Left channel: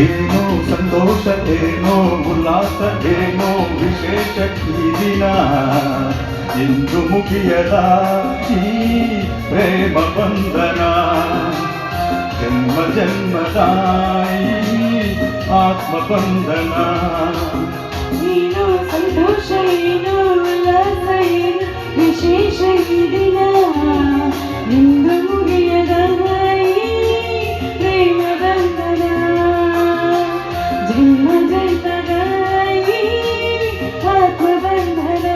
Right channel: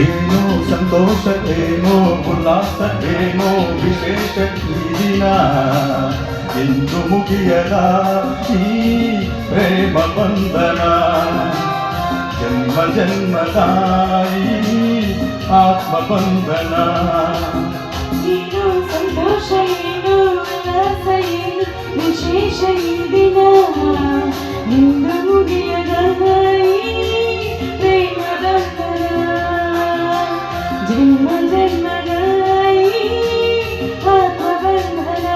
ಏನೋ ಸಂತೋಷವೇನೋ ಉಲ್ಲಾಸವೇನೋ ವಿಶೇಷ ಈ ದಿನ ಎಂದು ಮುಗಿಯದ ಈ ಪ್ರೇಮ ಬಂಧನ ಜನ್ಮ ಜನ್ಮದಾಯಿ ಆತ್ಮ ಬಂಧನ ಸಂತೋಷ ಏನು ಉಲ್ಲಾಸ ಏನು ವಿಶೇಷ ಈ ದಿನ ಎಂದು ಮುಗಿಯದ ಪ್ರೇಮ ಬಂಧನ ಜನ್ಮ ಜನ್ಮದ ಆತ್ಮ ಬಂಧನ.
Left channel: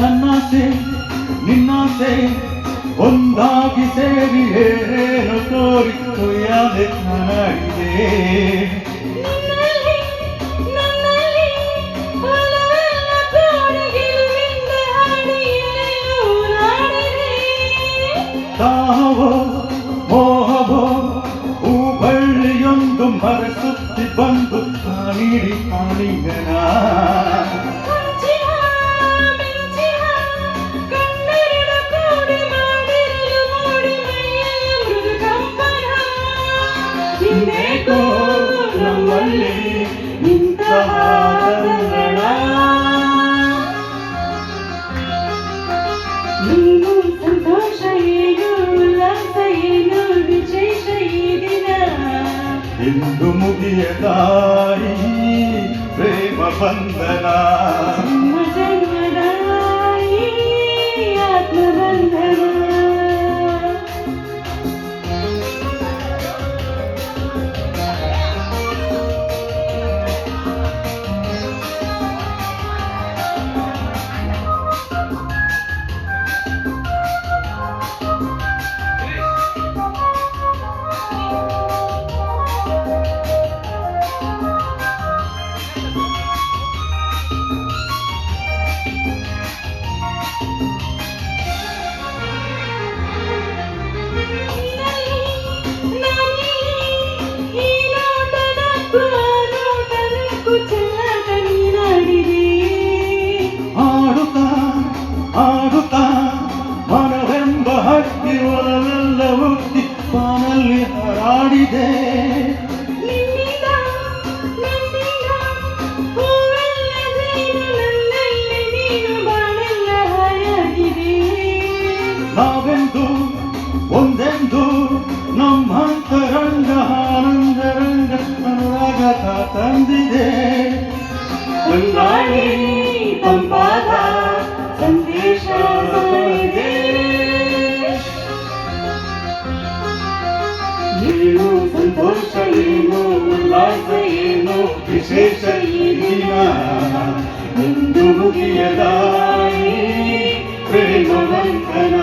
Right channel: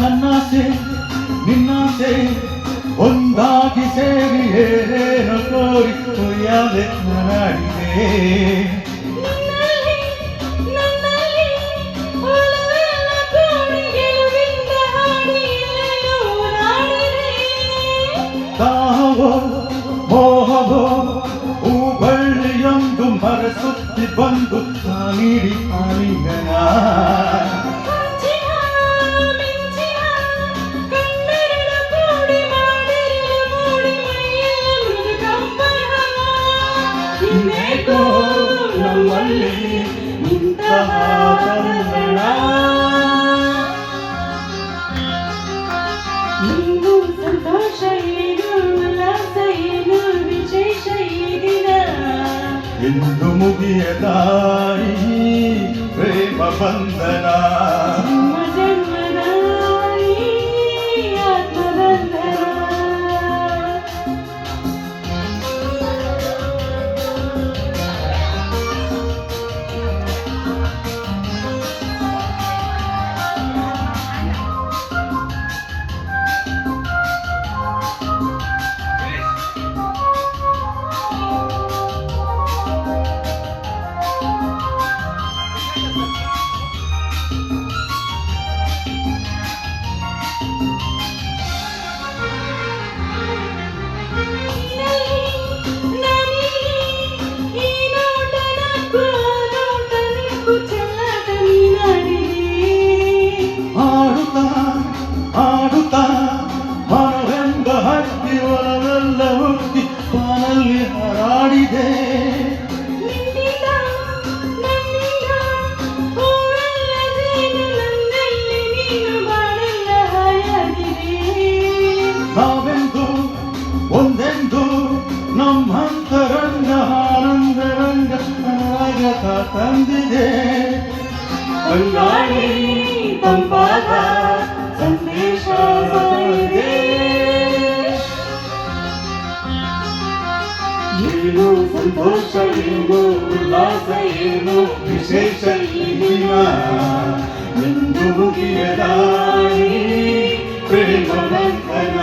ನನ್ನಾಸೆ ನಿನ್ನಾಸೆ ಒಂದಾಗಿ ಸೇರಿ ಏನೇನು ತೋರಿತು ಯಾದೆ ನಾಡಿದೆ ತಾವೋ ಮೋಹವೋ ಹೂಬಳ್ಳಿಯೊಂದು ಮರೆಸುತ್ತಿ ಬಂದು ಕಾಲಿಡಿ ಕಾಲಿಗನ ನಮ್ಮಲ್ಲಿ ಇಂತಹ ನೀನು ಸಂತೋಷ ಏನು ಉಲ್ಲಾಸ ಏನು ವಿಶೇಷ ಈ ದಿನ ಎಂದು ಮುಗಿಯದಾಯಿ ಪ್ರೇಮ ಬಂಧನ ಜನ್ಮ ಜನ್ಮದ ಆತ್ಮ ಬಂಧನ. ಆಡುತ್ತಾ ಆಡುತ್ತಾ ಮನವೆಂಬ ಹಕ್ಕಿ ಒಲವೆಲ್ಲ ಹುಟ್ಟಿ ಬಾನಲ್ಲಿ ಹಾರಾಡಿದೆ ನಾವೆಂದು ಒಂದೆಂದು ನಮ್ಮಂತರಂಗ ಆನಂದರಂಗ ರಾಗತ ತಂದಿದೆ ಕಣ್ಣಾಡಿ ತಂಪಾದ ಸಂದೇಶ ಸಾರಿದೆ. ನೀನು ಸಂತೋಷ ಏನು ಉಲ್ಲಾಸ ಏನು ವಿಶೇಷ ಈ ದಿನ ಎಂದು ಮುಗಿಯದ ಪ್ರೇಮ ಬಂಧನ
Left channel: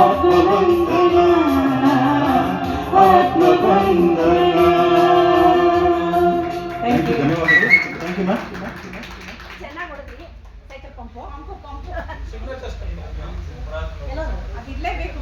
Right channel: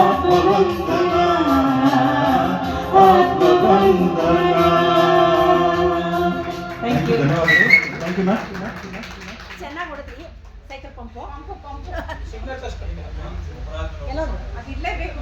ಆತ್ಮ ಬಂಧನ ಆತ್ಮ ಬಂಧನ. Thank you. ಚೆನ್ನಾಗಿ ಹೊಡೆದ್ರಿ ಸೈಕಲ್ ಪಂಪು ಪಂಪು ಪಂಪು ಎಲ್ಲರೂ ಅದು ಇರಲೇಬೇಕು.